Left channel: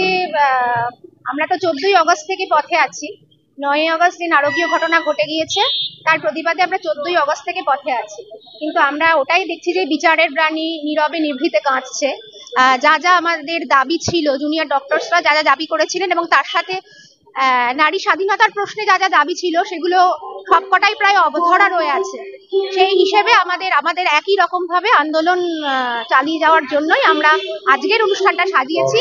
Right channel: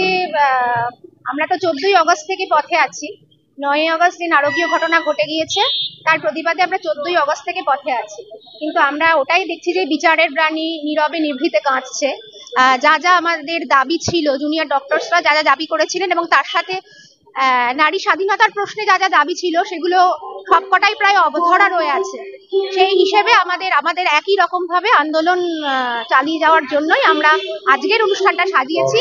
যে আমরা তো 14ই আগস্ট থেকে পথে আছি। 9ই আগস্ট যে নারকীয় ঘটনা ঘটে গিয়েছে তার প্রতিবাদে আমরা 14ই আগস্ট থেকে পথে আছি, কিন্তু আমরা ওটাই দেখছি যে বিচারের বাণী নীরবে নিভৃতে কাঁদছে। যা যা আমাদের দাবি ছিল, জুনিয়র ডক্টরসরা যা যা দাবি করেছিলেন এবং তার সাথে নারী স্বাধীনতার প্রশ্নে যা যা দাবি ছিল সেগুলো সবকটাই প্রায় অবধরা রয়ে আছে। সেই হিসেবে আমাদের একই রকম ভাবে আন্দোলন চালিয়ে যাওয়ার জন্যই আমরা আজকের অনুষ্ঠানটা সাজিয়েছি।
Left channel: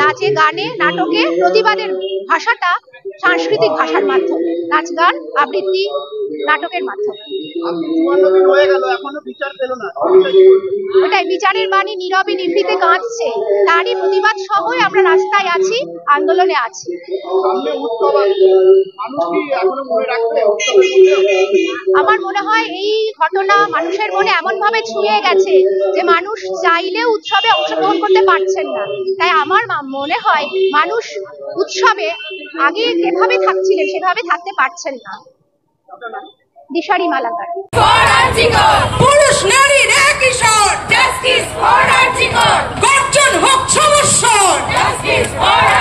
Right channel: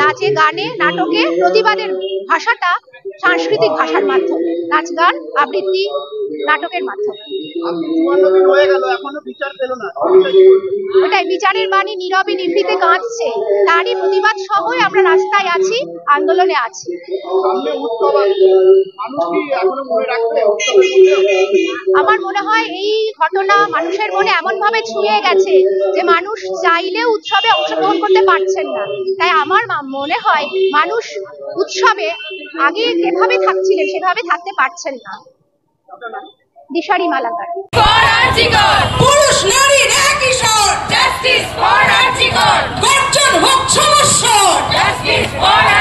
নাচে গানে নাটকে প্রতিবাদের ভাষাটা সাংস্কৃতিক ভাষার মাধ্যমে, নাচ গান আবৃত্তি নাটকের মাধ্যমে। ওটাই বিচারের বাণী নীরবে নিভৃতে কাঁদছে, তারই প্রতিবাদ সহই আমরা রাস্তায় আছি, আন্দোলনে আছি। আমার মনে হয় এই ঘটনা মানুষের মনে এমন ভাবে ছুঁয়ে গেছে যে মানুষ চাইলেও উৎসবে অংশগ্রহণ করতে পারছেন না। তাই আমার মনে হয় মানুষ উৎসবে আগে যেভাবে থাকছিলেন সেভাবে থাকতে পারছেন না। দিশারি মালাকার। পুরুষ নারীর একই স্বর, জাস্টিস ফর আরজিকর। গর্জন হোক সমস্যা, জাস্টিস ফর